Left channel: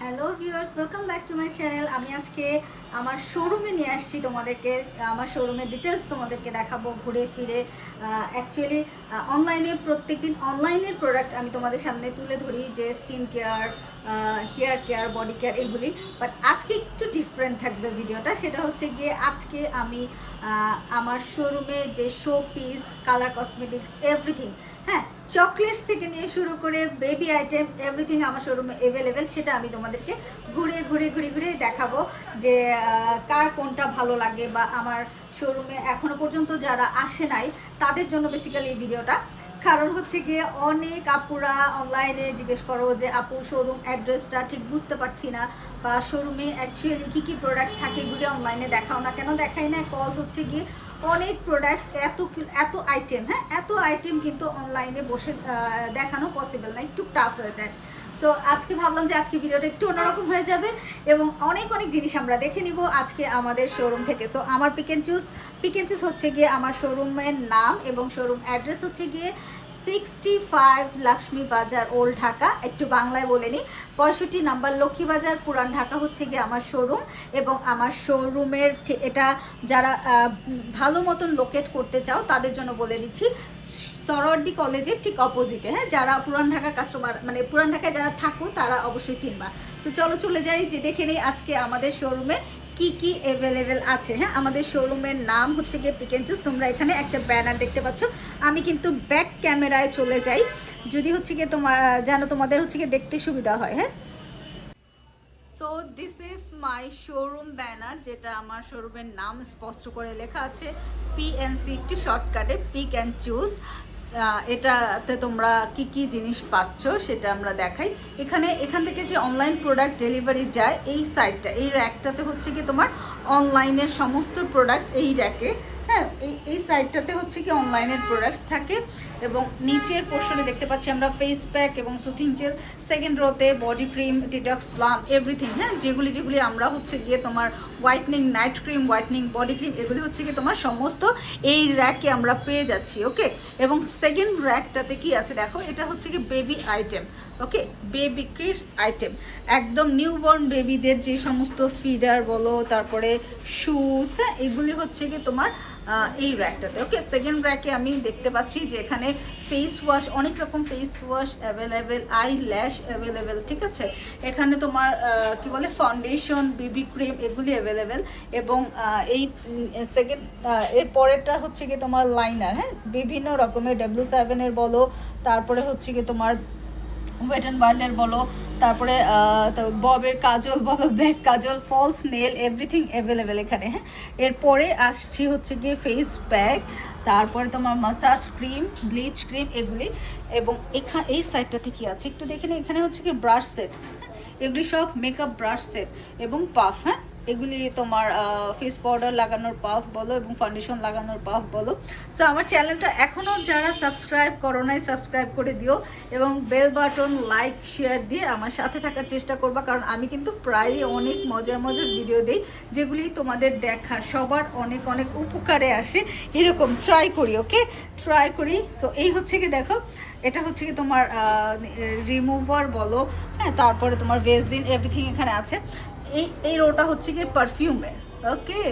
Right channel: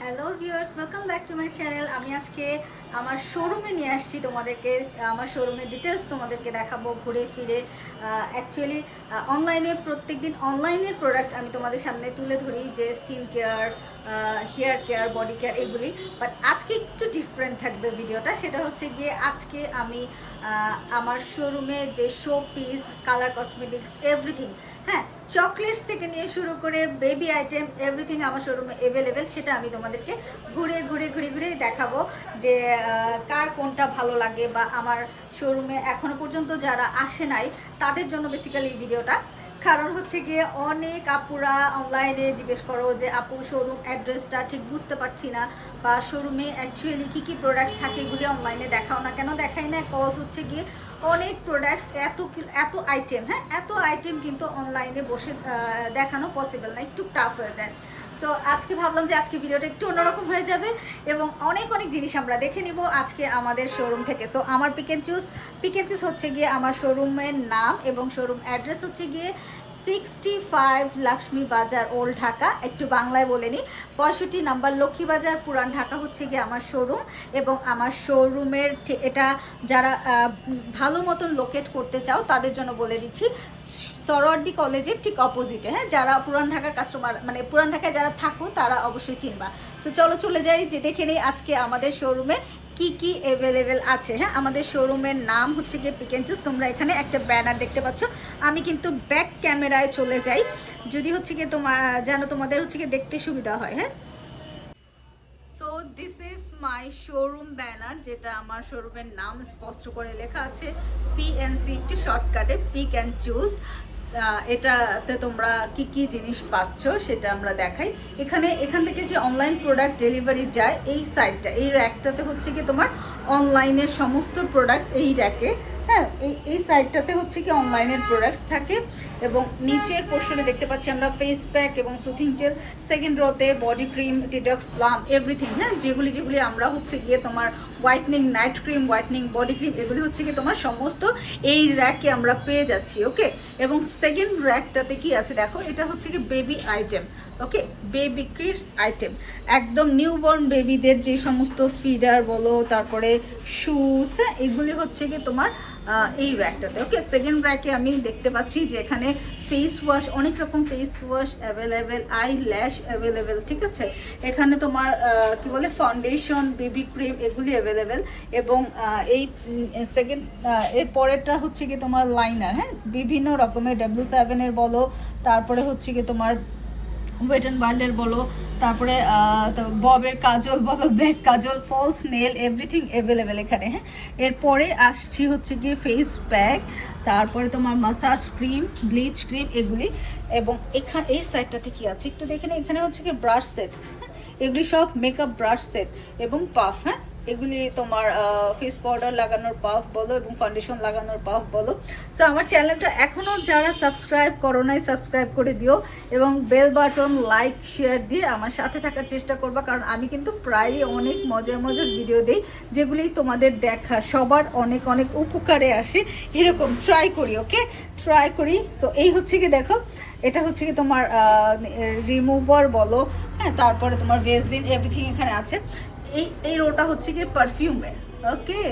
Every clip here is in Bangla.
Hello viewers, welcome back to my channel. আমি আজকে আমার শোরুমে নিয়ে আসছি তোমাদেরকে। আমার শোরুমের ডিটেলস তোমাদেরকে দেখাবো ঘুরে ফিরে। অ্যাকচুয়ালি অনলাইনে প্রত্যেকদিন অনলাইনের প্রোডাক্ট আমি তোমাদের সামনে তুলে ধরি, যে skin care, hair care, body care এগুলি। বাট আজকে একটু ডিফারেন্ট থাকবে ভিডিওটা। সেটা হচ্ছে গিয়ে আজকে আমি আমার শোরুমে যে show piece, colour cosmetics, everything, হ্যাঁ, চকলেটস থেকে নিয়ে শুরু করে বেবি আইটেম এভরিথিং আমার শোরুমে অ্যাভেলেবেল। সেটা আমি তোমাদেরকে ঘুরে ঘুরে ঘুরে ঘুরে দেখাবো যে কার কোনটা ভালো লাগে, বা আমার শোরুমে এখনো পর্যন্ত যারা আসে নাই তাদের জন্য বেসিক্যালি এই ভিডিওটা। কারণ হচ্ছে গিয়ে অনেক আপুরা অনলাইনে জিজ্ঞেস করো যে আপু শোরুম অ্যাড্রেসটা ঠিক বুঝতে পারছি না, বা শোরুমে অ্যাকচুয়ালি কী কী প্রোডাক্টস থাকে এগুলি অনলাইনে দেখাও না কেন। দেখাই না কজ হচ্ছে গিয়ে অনেক প্রোডাক্টস, এত আইটেম, হ্যাঁ, এত আইটেম কিন্তু অনলাইনে বসে দেখানো পসিবল না, একটু টাফ হয়ে যায়। তো আজকে ভাবলাম যে আজকে ভিডিওটা একটু অন্যরকম হয়ে যাবে এবং অনেক অনেক জিনিস আমরা দেখে নিব আজকে আমাদের শোরুম থেকে। সো আমার পিক অ্যান্ড চুজ হচ্ছে গিয়ে আমার শোরুমের নাম এবং শোরুম অ্যাড্রেস হচ্ছে গিয়ে 65 লক্ষ্মী বাজার, ওল্ড ঢাকা। একটু বাংলায় বলে নিই, 65 নাম্বার লক্ষ্মী বাজার, পুরান ঢাকা হচ্ছে গিয়ে আমার শোরুম। এবং আমার শোরুমের এটা যারা ভালো মতন লোকেট করতে চাও তাদের জন্য বলে দিচ্ছি, সরোয়ার্দী কলেজের ঠিক অপোজিটে। হ্যাঁ, যারা পুরান ঢাকার কাস্টমার, মানে পুরান ঢাকায় যারা থাকো তারা অবশ্যই চিনবা। সো চলে যাই যে দেখে নেই আজকে আমাদের শোরুমে কি কি অ্যাভেলেবেল আছে। হ্যাঁ, আমাদের শোরুমের নাম হচ্ছে গিয়ে পিক অ্যান্ড চুজ। তোমরা এখানে একটা ব্যানার দেখতে পাচ্ছ। আমি কিন্তু ব্যাক ক্যামেরায় চলে যাই, যদি হচ্ছে গিয়ে যেন তোমাদের হচ্ছে গিয়ে দেখতে সুবিধা হয়। হ্যাঁ, so this is my showroom banner, যেটা আমার শোরুমের নাম স্পষ্ট করে লেখা আছে পিএনসি, একটি শর্টকাটে পিক অ্যান্ড চুজ। এটাতে তোমরা কি কি জিনিস পাচ্ছ সেটা আমরা দেখাই। এখান থেকে যে অনলাইন প্রোডাক্ট ডেলিভারি যায়, এই সাইটটা, এই র্যাকটাতে হচ্ছে কি তোমার অনলাইনের সমস্ত প্রোডাক্ট এই র্যাকে, হ্যাঁ, এই সাইটটাতে হচ্ছে কি অনলাইনের প্রোডাক্টস থাকে। এবং নিচের পোর্শনে দেখতে পাচ্ছি আমরা ফেস প্যাক এবং সুথিং জেল, সেকেন্ড রোতে body cream, detox plum, everything, হ্যাঁ, যেগুলি আমরা হচ্ছে গিয়ে তোমার whitening night cream, whitening body cream, এগুলি হচ্ছে গিয়ে তোমার সমস্ত এই র্যাকে আমরা পেয়ে যাচ্ছি। ওকে, এবং সেকেন্ড র্যাকটাতে কি আছে দেখো, এটা হচ্ছে কি বেবি আইটেম। ওকে, বেবি কিডস আইটেম, একদম নিউবর্ন বেবিদের যে সমস্ত ফিডার বলো, তারপরে শুজ, হ্যাঁ, এগুলি হচ্ছে কি তোমার এই র্যাকটাতে। ওকে, সেকেন্ড র্যাকে আমি দেখতে পাচ্ছি যে এখানে ফেস ওয়াশ, অনেক রকম ফেস ওয়াশ অ্যাভেলেবেল, আই ল্যাশ অ্যাভেলেবেল, ঠিক আছে। এখানে তোমার কি বলে ফাউন্ডেশন, বেবি ক্রিম, এগুলি অ্যাভেলেবেল। এবং এই সেকেন্ড এর পরেরটা হচ্ছে কি তোমার লাইনার, হ্যাঁ, বিভিন্ন রকমের W7-এর বলো, তারপরে হচ্ছে কি তোমার ওয়েট অ্যান্ড ওয়াইল্ডের বলো, তারপরে ববের কাজল বলো, ব্যাক কাজল, ফলস নেল, এভরিথিং অ্যাভেলেবেল এখানে। হ্যাঁ, এরপরে আসছি হচ্ছে গিয়ে ফেস প্যাক, তারপরে তোমার মাসাজ ক্রিম, ব্লিচ ক্রিম, এগুলি। এবং এই সাইডটাতে কি আছে একটু দেখে নিই। এখানে হচ্ছে কি ব্রাশ সেট, হ্যাঁ, এগুলি সব মেকআপ ব্রাশ সেট এবং পাফ, হ্যাঁ, এগুলি তোমার ফেস পাউডার লাগানোর পাফ বলো এবং ফাউন্ডেশন লাগানোর পাফ বলো। সো আমার চ্যানেলটা এখনও যারা সাবস্ক্রাইব করো নাই, সাবস্ক্রাইব করে দিও এবং বেল বাটন, লাইক, শেয়ার দিয়ে আমার সাথে থাকার চেষ্টা করবা, কারণ আমি কিন্তু প্রায় অনেক মজার মজার ভিডিও দিই, যেগুলি তোমাদের দেখার সবার অনেক অনেক উপকারে আসে, এরকম ট্রাই করি। ওকে, ট্রাই করি। সো এই হচ্ছে কি দেখো, এটা হচ্ছে কি তোমার রিমুভার বলো, হ্যাঁ, তারপরে তোমার ভেসলিন, এভরিথিং এখানে আছে। এই রোটা হচ্ছে গিয়ে পারফিউমের। ওকে,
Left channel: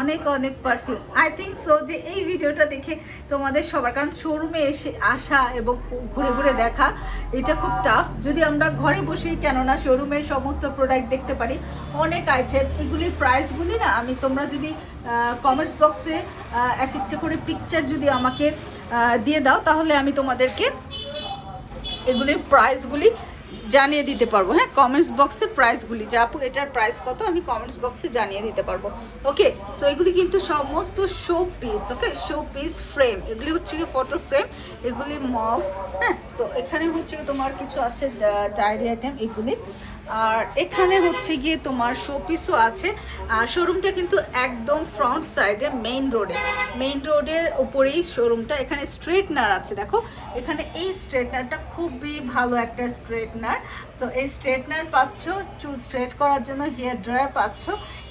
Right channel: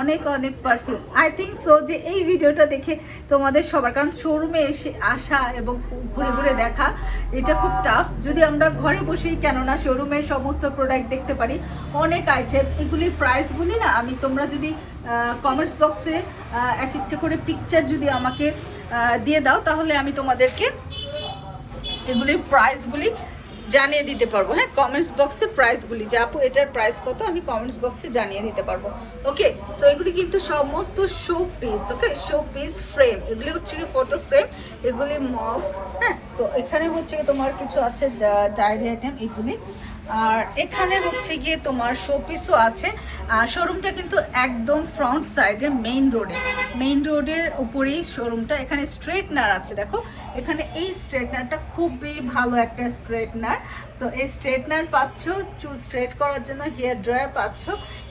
অনেক অনেক পারফিউম। আই থিঙ্ক সো যে এই ভিডিওটা দেখে তোমাদের সবার, কারণ শোরুমে এসে আসা এবং ঘুরে ঘুরে দেখা এটা খুব টাফ। যদি আমরা ঘরে বসেই কেননা শোরুমের সমস্ত প্রোডাক্ট দেখতে পারি, অনেক আইটেম, এগুলির প্রাইসগুলি না আমি, তোমরা যদি কমেন্টস বক্সে এক একটা করে পিকচার যদি আমাকে দিয়ে দাও, তাহলে আমি তোমাদেরকে এগুলির প্রাইসগুলি জানিয়ে দিতে পারবো। হ্যাঁ, কমেন্টস বক্সে প্রাইসগুলি, যে আপু এটার প্রাইস কত, আমি কমেন্টস বক্সে জানিয়ে দিতে পারবো। ওকে, সো এগুলি কিন্তু সমস্ত শো পিস। ওকে, শো পিস ফ্রেম, এগুলি হচ্ছে কি ফটো ফ্রেম, এগুলি মগ। হ্যাঁ, সো এখানে হচ্ছে কি তোমার কিছু আছে ডায়েরি আইটেম, এগুলি। আর এখানে হচ্ছে গিয়ে তোমার শোপিসও আছে। আর শোরুমটা কিন্তু একদম ফ্রন্ট সাইডে মেইন রোডের উপরেই শোরুমটা। এখানে স্ট্রেটনার আছে, দেখো এখানে এই স্ট্রেটনারটা খুবই ভালো একটা স্ট্রেটনার। সো এই স্ট্রেটনার পাচ্ছ, চুল স্ট্রেট করার জন্য হেয়ার ড্রায়ার পাচ্ছ।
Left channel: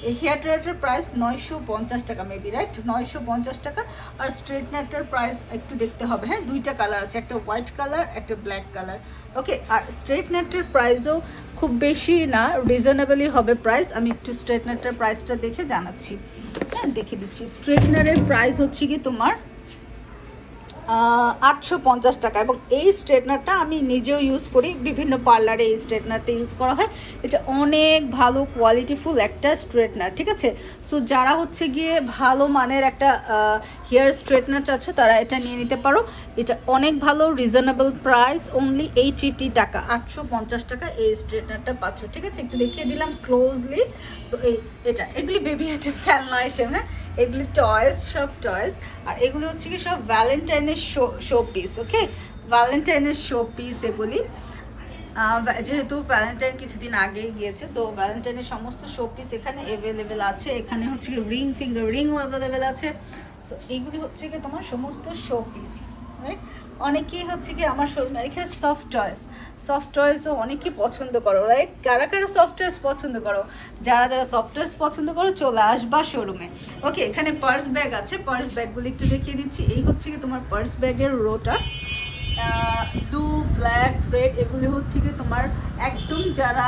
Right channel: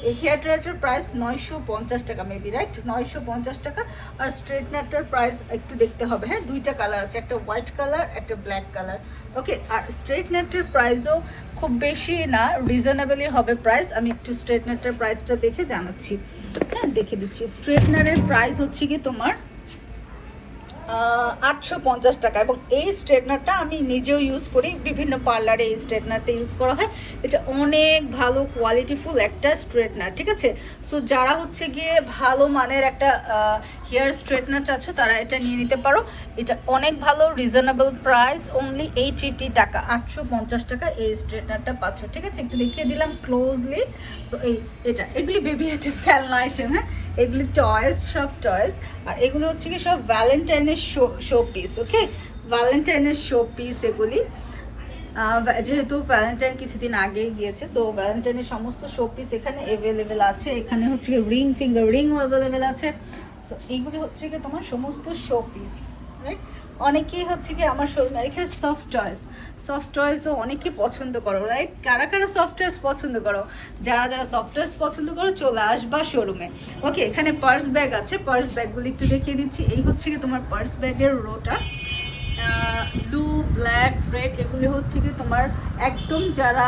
এই হেয়ার ড্রায়ারটার প্রাইস 950 টাকা, মেবি রাইট, 950 টাকা। আর স্ট্রেটনারটার প্রাইস একটু দেখতে হবে, হ্যাঁ, দুইটা কালার আছে, একটা হোয়াইট কালার, একটা ব্ল্যাক কালার। ওকে, আর স্ট্রেটনারটার প্রাইসও খুব বেশি না, রিজনেবলই হবে প্রাইস। আমি একটু স্ট্রেটনারটার প্রাইসটা দেখে জানাচ্ছি, হ্যাঁ দেখে দিচ্ছি। স্ট্রেটনারের প্রাইস হচ্ছে কি তোমার 850 টাকা। এবং এই স্ট্রেটনারটা আমি নিজেও ইউজ করি, বিভিন্ন পার্লারে এই স্ট্রেটনারটা ইউজ করা হয়। এটা অনেক ভালো কোয়ালিটিফুল একটা স্ট্রেটনার, ঠিক আছে। সো যারা হচ্ছে গিয়ে ভালো মানের একটা হেয়ার স্ট্রেটনার চাচ্ছ তারা এটা নিয়ে নিতে পারো। এটা অনেক ভালো, রিজনেবল প্রাইস, অনলি 850 টাকা, 850 টাকা এই স্ট্রেটনারটা পাচ্ছ, ঠিক আছে। একটু দেখিয়ে দিলাম ক্লোজলি। সো এগুলি বেবি আইটেম, খেলনা আইটেম, হ্যাঁ এগুলি টয়েস, সব টয়েস। আর এগুলো হচ্ছে কি সব ভ্যালেন্টাইনের শো পিস, ওকে, ভ্যালেন্টাইনের শো পিস এগুলি। যেহেতু ভ্যালেন্টাইন কিছুদিন আগেই গিয়েছে, সো ভ্যালেন্টাইনের সমস্ত শো পিস এখানে অ্যাভেলেবেল আছে। এখানে হচ্ছে কি রিং, ফিঙ্গার রিংও অ্যাভেলেবেল আছে। সো এইগুলি হচ্ছে কি তোমার সমস্ত শো পিস, রাইট। অনেকেই হচ্ছে কি আমার শোরুমে এখানে সফট টয়েসও অনেকেই পছন্দ করো, রাইট। কারা কারা সফট টয়েস পছন্দ করো? যারা সফট টয়েস পছন্দ করো চলে আসবা শোরুমে। ওকে, এখানে পার্স ব্যাগ আছে, পার্স ব্যাগগুলি একটু দেখিয়ে দিচ্ছি। এই হচ্ছে কি তোমার পার্স ব্যাগের রোটা, ব্লু, ব্ল্যাক, রেড, এগুলি হচ্ছে কি তোমার একদম যারা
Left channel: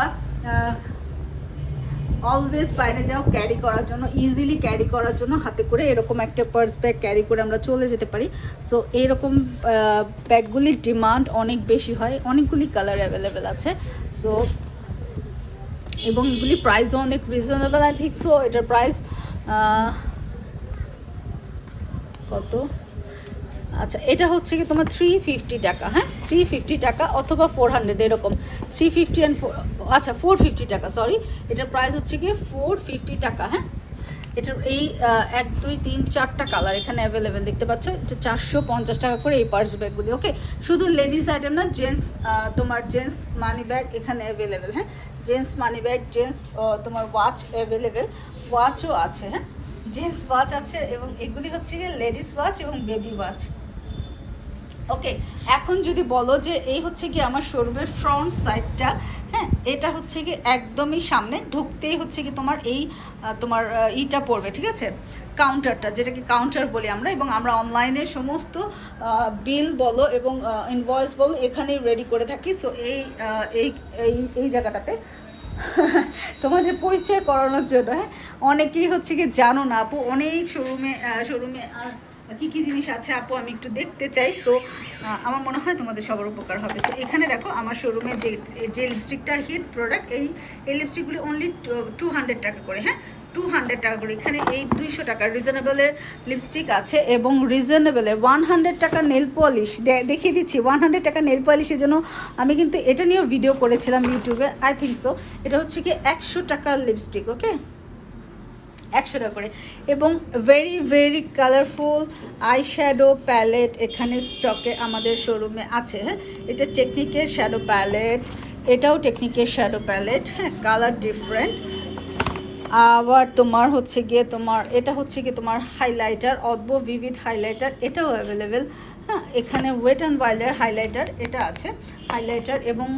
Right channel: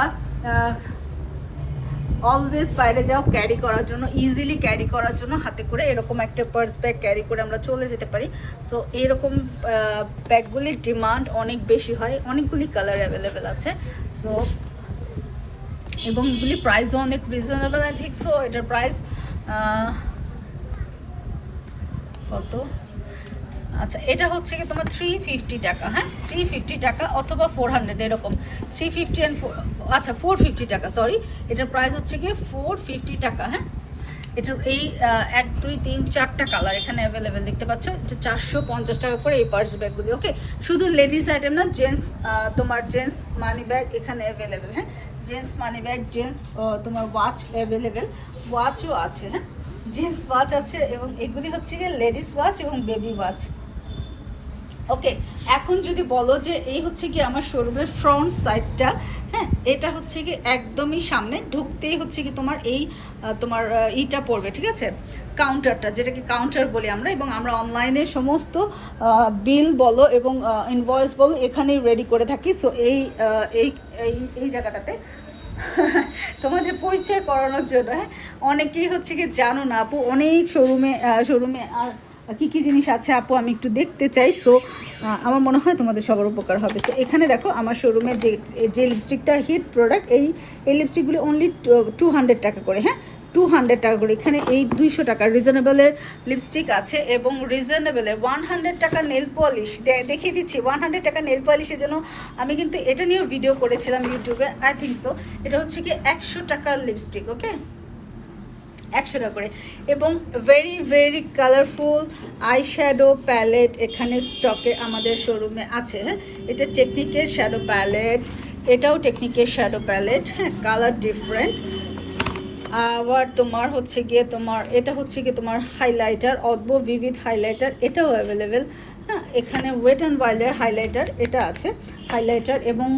অলওয়েজ বাইরে যাও ক্যারি করার জন্য, ইজিলি ক্যারি করার জন্য হাতে করে এরকম একটা পার্স ব্যাগ ক্যারি করে আমরা চলে যেতে পারি। সো এরকম ব্যাগগুলির ডিমান্ড অনেক বেশি হয়, অনেকগুলি কালার অ্যাভেলেবেল আছে। সো এবং এগুলি প্রাইসও অনেক রিজনেবল, আই থিঙ্ক। সো এটার প্রাইস কত? আচ্ছা, এটা হচ্ছে কি তোমার 350 টাকা, হ্যাঁ 350 টাকা অথবা 400 এরকম, 350 অ্যান্ড আচ্ছা 450 টাকা, সরি। এটার প্রাইস হচ্ছে কি 450 টাকা, হ্যাঁ। এটার এই 1 2 3 4টা কালার এখানে অ্যাভেলেবেল দেখতে পাচ্ছ। এটা 450 টাকা করে এই পার্স ব্যাগগুলি, ওকে। শুধু লেডিস আইটেম না, জেন্টস, তোমার জেন্টস মানি ব্যাগ এখানে অ্যাভেলেবেল, হ্যাঁ জেন্টস মানি ব্যাগ, জেন্টস তোমার ওয়াচ অ্যাভেলেবেল, ওয়াচও আছে, হ্যাঁ জেন্টস ওয়াচ আছে। এবং এগুলি হচ্ছে গিয়ে লেডিস ওয়াচ এবং বেবি ওয়াচ, ওকে। এখন যদি বলো যে এই হচ্ছে কি আমার শোরুমের ফ্রন্ট সাইডটা, হ্যাঁ এটা হচ্ছে কি একদমই সামনে ঢুকতেই হচ্ছে কি তোমার এই তোমার ইটা পড়বে, ঠিক আছে, কাউন্টারটা, যেটাকে কাউন্টার বলি আমরা। এবং আমরা অনলাইনে সমস্ত বিল বলো এবং ইনভয়েস বলো এখানেই রেডি করে থাকি। সো এই জায়গাটাতে তোমাদের পরিচয় করানোর জন্য, হ্যাঁ অনেকেই হচ্ছে কি জানো না আপু, অনেক শোরুমে আর কী কী জিনিস আছে আপু আমি একটু দেখতে চাই। সো আমার মনে হয় তোমাদের সবার উপকার হবে। তো এখানে দেখো আমার শোরুমে যে লিপস্টিকটা হিট প্রোডাক্ট, এই লিপস্টিকগুলি অনলি 200 টাকা করে, হ্যাঁ 200 টাকা করে। এখানে এই 200 টাকা রিজনেবলের লিপস্টিক আছে এবং রিজনেবলের 100 টাকা নেল পলিশ দেখিয়ে দিচ্ছি। 100 টাকা নেল পলিশের জন্য আমি কিন্তু এটা নিয়েও ভিডিও করেছিলাম ইউটিউবে, আই থিঙ্ক সো। এটা হচ্ছে কি 100 টাকার লিপস্টিক, ওকে 100 টাকা করে। এবং very very colourful eye shadow palette এখানে স্টকে আমাদের শোরুমে আছে, হ্যাঁ এটা টেকনিকের শ্যাডো প্যালেট, এটাও টেকনিকের শ্যাডো প্যালেট, হ্যাঁ কালার ডিফারেন্ট। আবার তোমার হচ্ছে গিয়ে তোমার এটা হচ্ছে গিয়ে তোমার হাইলাইটার, অদ্ভুত ভিভিড হাইলাইটার, এটাও অ্যাভেলেবেল, হ্যাঁ এখানে ওয়েট অ্যান্ড ওয়াইল্ডের হাইলাইটার এটা আছে, হাইলাইটার। এবং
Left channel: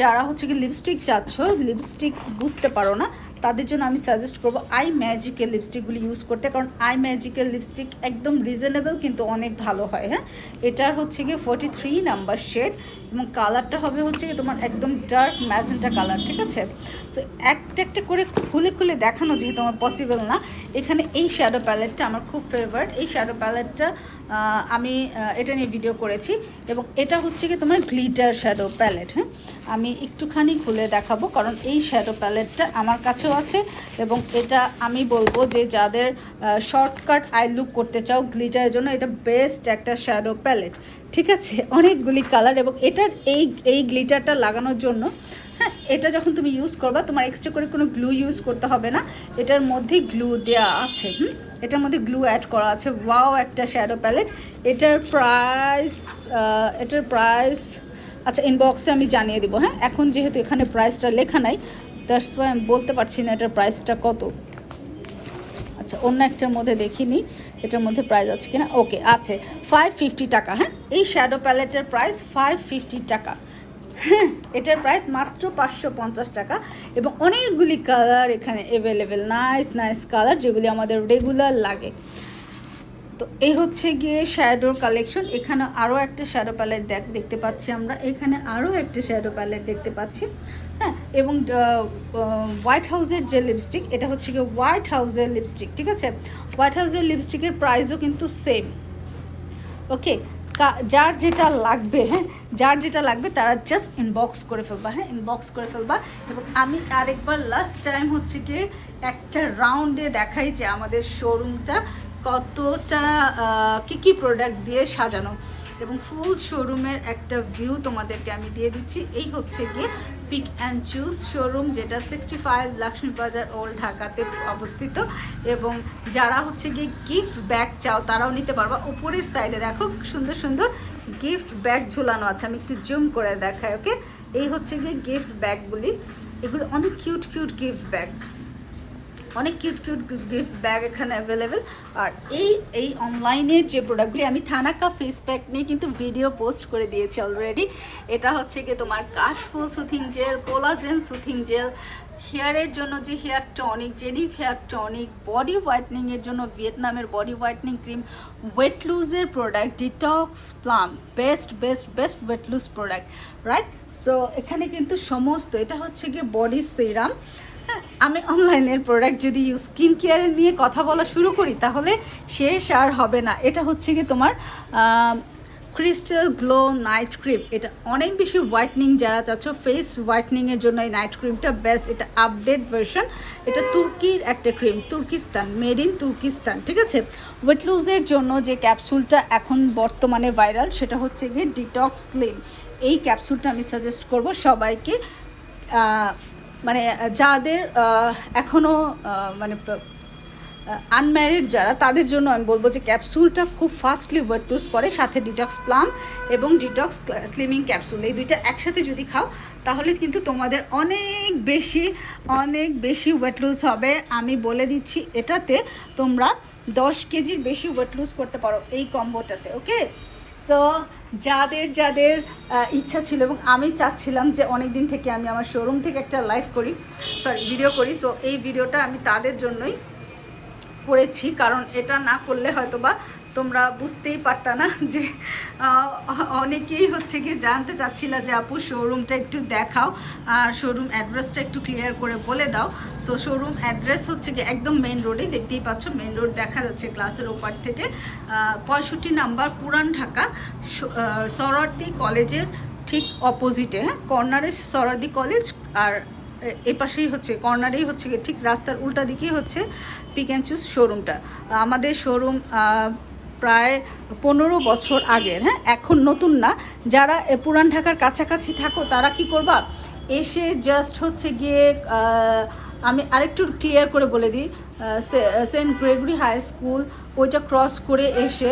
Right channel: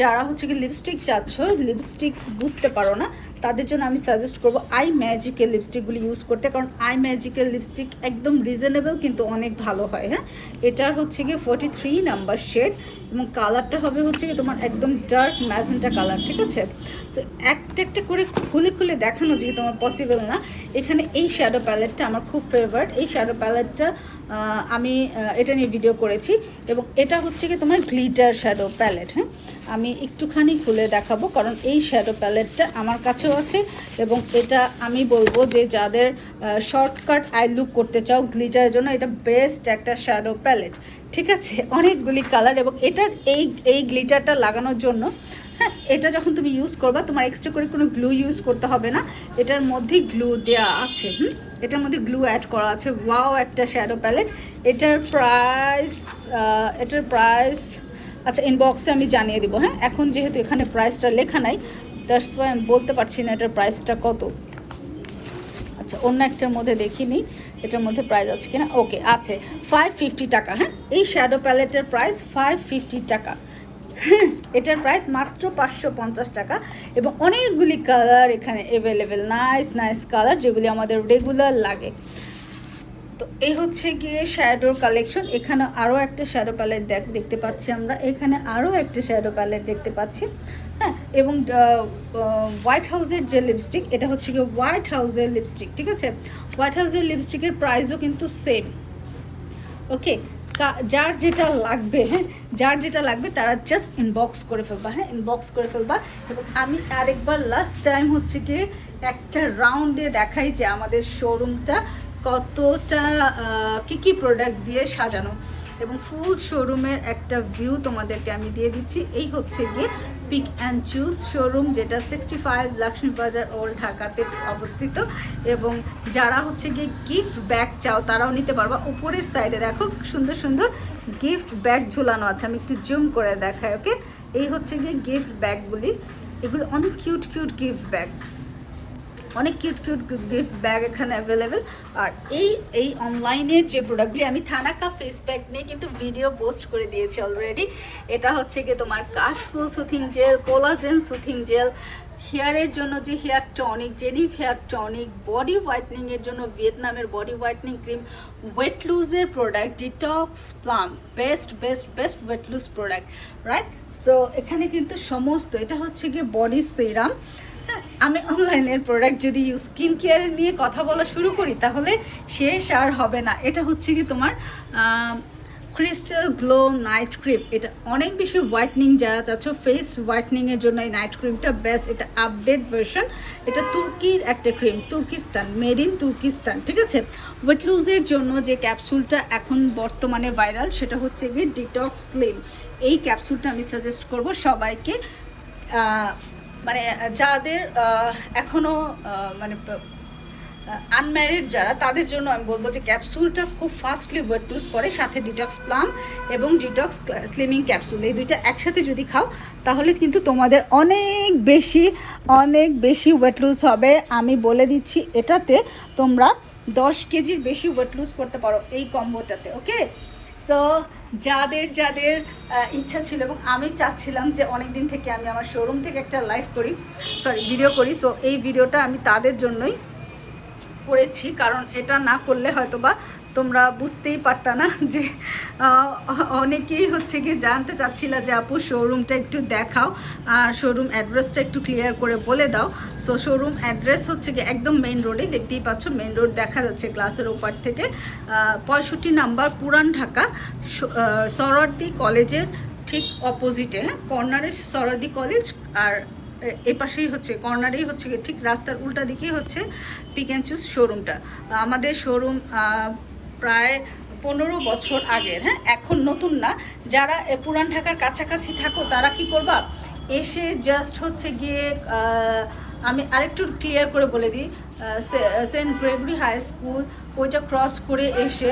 যারা হচ্ছে কি লিপস্টিক চাচ্ছ, লিপস্টিক বুঝতে পারো না, তাদের জন্য আমি সাজেস্ট করবো আই ম্যাজিকের লিপস্টিকগুলি ইউজ করতে, কারণ আই ম্যাজিকের লিপস্টিক একদম রিজনেবল কিন্তু অনেক ভালো হয়, হ্যাঁ এটার হচ্ছে গিয়ে 43 নাম্বার শেড এবং কালারটা হবে হচ্ছে গিয়ে তোমার একদম ডার্ক ম্যাজেন্টা কালার, ঠিক আছে। সো একটা একটা করে খুলে খুলে দেখানো যেহেতু আমার পসিবল না, এখানে এই শ্যাডো প্যালেটটা আমার খুব ফেভারিট। এই শ্যাডো প্যালেটটা আমি এটা নিয়ে ভিডিও করেছি এবং এটা হচ্ছে কি তোমার গ্লিটার শ্যাডো প্যালেট, হ্যাঁ আমি একটুখানি খুলে দেখাবো কারণ এই শ্যাডো প্যালেটটা আমার কাছেও আছে। এবং এটা আমি বলবো যে যাদের শর্টকাট আই লুক করতে চাও গ্লিটারের জন্য এটা বেস্ট একটা শ্যাডো প্যালেট, ঠিক আছে। অনেকগুলি কালার এবং এটার এই গ্লিটারটা লাগানোর জন্য, হ্যাঁ এটা যখন তুমি ইউজ করবা তোমার এক্সট্রা করে কোনো গ্লু ইউজ করতে হবে না, এটার মধ্যেই গ্লু দেওয়া আছে, এটার মধ্যে গ্লু অ্যাড করা আছে। ওয়াও একটা শ্যাডো প্যালেট। এটার প্রাইস আচ্ছা ইনবক্সে আমি জানিয়ে দিব, হ্যাঁ এখন যেহেতু এখানে প্রাইসটা লেখা নাই দ্যাটস ওয়াই আমি বলতে পারছি না এটার প্রাইসটা কত। আচ্ছা অন্য একটার মধ্যে দেখিনি এটার মধ্যে প্রাইস আছে কিনা, ওকে আছে 550 টাকা, হ্যাঁ এই শ্যাডো প্যালেটের প্রাইস 550 টাকা, হ্যাঁ এটার প্রাইস মাত্র 550 টাকা। এবং অনেকগুলি কালার এখানে অ্যাভেলেবেল, নাইস নাইস কালার যেগুলি আমাদের রেগুলার লাগে। তো এই হচ্ছে গিয়ে শ্যাডোর কালেকশন। এখানে আরও একটা শ্যাডো প্যালেট দেখতে পাচ্ছি আমরা, এখানে আরও একটা শ্যাডো প্যালেট দেখতে পাচ্ছি। হ্যাঁ, এবং হোয়াইট হাউসের যে লিপস্টিক, এটা হচ্ছে গিয়ে হোয়াইট হাউসের লিপস্টিক, ঠিক আছে। হোয়াইট হাউসের লিপস্টিকের প্রাইসও কিন্তু সেম। ওকে, যার যেটা লাগবে, হ্যাঁ, যার যেটা লাগবে তারা জাস্ট ইনবক্স করে ফেলবা, হ্যাঁ, ইনবক্স করে ফেলবা। এবং আমি আরেকবার লাস্ট টাইম হচ্ছে গিয়ে একটা রাউন্ডে দেখাই যে আমাদের শোরুমটা কতটা কী প্রোডাক্ট দিয়ে সাজানো, এবং ফুল শোরুমের একটা ভিউ তোমাদেরকে আমি দিয়ে দিচ্ছি। এই হচ্ছে গিয়ে পিক অ্যান্ড চুজ শোরুম, যেটা 65 লক্ষ্মীবাজার ওল্ড ঢাকাতে অবস্থিত। এবং যারা হচ্ছে গিয়ে গিফট ব্যাগ চাও তারাও নিতে পারবা। উপরের সাইডে দেখো সুন্দর সুন্দর গিফট ব্যাগ ঝুলানো আছে, আমি একটু জুম করে দেখাই। ওকে, এই হচ্ছে গিয়ে গিফট ব্যাগগুলি, এগুলো অনেক কিউট কিউট গিফট ব্যাগ, অনেক কিউট কিউট গিফট ব্যাগ এখানে অ্যাভেলেবেল। আর এই অনলাইনের যে প্রোডাক্টগুলি, আমি থানাকা ফেস প্যাক নিয়ে কিন্তু ভিডিও পোস্ট করে দিয়েছি অলরেডি। এটা হচ্ছে গিয়ে তোমার কাশফুল soothing gel, collagen soothing gel, হেয়ারের জন্য যে হেয়ার টনিক, জেনিভ হেয়ার টনিক, বডি হোয়াইটনিংয়ের জন্য ভিয়েতনামের বডি হোয়াইটনিং ক্রিম, ওয়েট লুজের product, detox plum, best best best weight loss product, right. So এখানে কিন্তু সমস্ত, এটা হচ্ছে গিয়ে বডি সিরাম। আমি অনলাইনের প্রোডাক্ট যদি স্কিন কেয়ারের নিয়ে কথা বলা শুরু করি তাহলে শেষ আর হবে না। এটা হচ্ছে কি তোমার ক্রিস্টাল গ্লো নাইট ক্রিম, এটা অনেক বেশি হোয়াইটনিং, যারা চাচ্ছ ফেস হোয়াইটনিংয়ের জন্য এই নাইট ক্রিমটা বেস্ট। এটা আপডেট ভার্সন, এটা তুর্কির একটা cream, Turkestan, made in Turkestan, ঠিক আছে। ওয়েট লুজের জন্য যে ক্যাপসুলটা এখন বর্তমানে ভাইরাল, সেটা হচ্ছে গিয়ে ডিটক্স স্লিম। এই ক্যাপসুলটা আমি সাজেস্ট করব সবাইকে, মানে যাদের এখনও মানে আনম্যারিড যারা, তাদের জন্য আমি বলবো যে ক্যাপসুলটা খুব ফাস্টলি ওয়েট লুজ করে, সাথে ডিটক্স প্লাম এবং ডিটক্স স্লিমিং ক্যাপসুল, এই দুইটা একসাথে যদি খাও তাহলে কিন্তু তোমাদের অনেক বেশি ওয়েট লুজ হবে। আমি বলে দিচ্ছি, এটাতে তোমরা 10 কেজির বেশি ওয়েট লুজ করতে পারো এই কম্বোটাতে। ওকে, সো যাদের যাদের ইচ্ছা ছিল, এবং আমি চাচ্ছিলাম যে অনেক দিন থেকে আমি আমার শোরুম থেকে একটা ভিডিও করি, সো এই ভিডিওটা আমি তাদের জন্যই করেছি, কারণ এটা না করলে হয়তো বা তোমরা বুঝতেই পারতা না যে অনেকেই হচ্ছে গিয়ে জানতে চাচ্ছিলা যে আপু শোরুমটা একটু দেখাও, আর শোরুম অ্যাড্রেসটা একটু ক্লিয়ার করে বলে দাও। সো শোরুম অ্যাড্রেস হচ্ছে গিয়ে একদম মেন রোডে, দেখতেই পাচ্ছ মেন রোড দেখা যাচ্ছে গ্লাসের ওপার থেকে, 65 নাম্বার পুরান ঢাকা, সরোয়ার্দী কলেজের ঠিক অপোজিটে, হ্যাঁ, কর্নারে সরোয়ার্দী কলেজ, আর এপাশেই হচ্ছে কর্নারেই হচ্ছে ঠিক রাস্তার উল্টা দিকেই হচ্ছে পিক অ্যান্ড চুজ শোরুমটা। আমাদের শোরুম প্রায় 15 বছর আগের, হ্যাঁ, এখন নতুন না। যারা পুরান ঢাকার কাছাকাছি থাকো তারা কি করবা, এসে জাস্ট হচ্ছে গিয়ে আমি আরেকটু ক্লিয়ার করে বলে দিই, সেন্ট গ্রেগরি হাই স্কুল ওইটা ক্রস করে এসে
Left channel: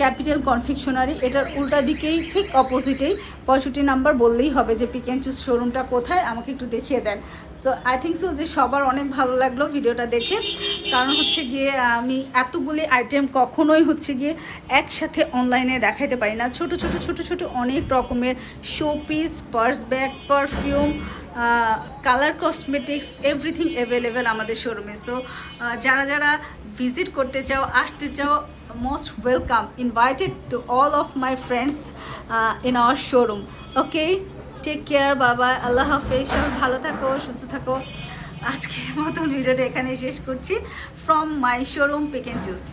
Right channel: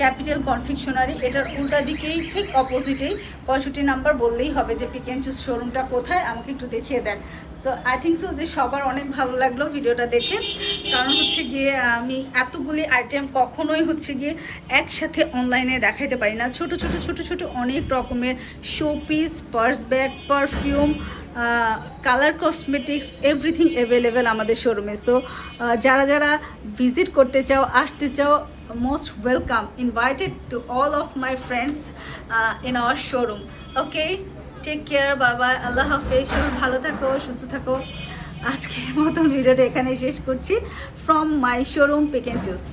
ক্যাপিটাল কনফেকশনারি, এটার উল্টা দিকেই ঠিক অপোজিটেই 65 নাম্বার বললেই হবে যে পিক অ্যান্ড চুজ শোরুমটা কোথায়, আমাকে একটু দেখিয়ে দেন। সো আই থিঙ্ক সো যে সবার অনেক ভালো লাগলো ভিডিওটা দেখে, কারণ হচ্ছে গিয়ে আমি এতগুলি আইটেম কখনোই হচ্ছে গিয়ে একসাথে অনলাইনে দেখাইতে পারি না। ছোট ছোট ছোট ছোট অনেক রকমের showpiece, purse bag, perfume, colour cosmetics, everything available আমাদের শোরুমে। সো যারা যারা ভিজিট করতে চাও, আসতে চাও, most welcome, invited to all of my friends in our showroom. Okay, take care, bye bye, আল্লাহ হাফেজ, সবাই ভালো থাকো, সুস্থ থাকো। আজকের মতন ভিডিওটা এখানে শেষ করছি, from my showroom Pick and Choose।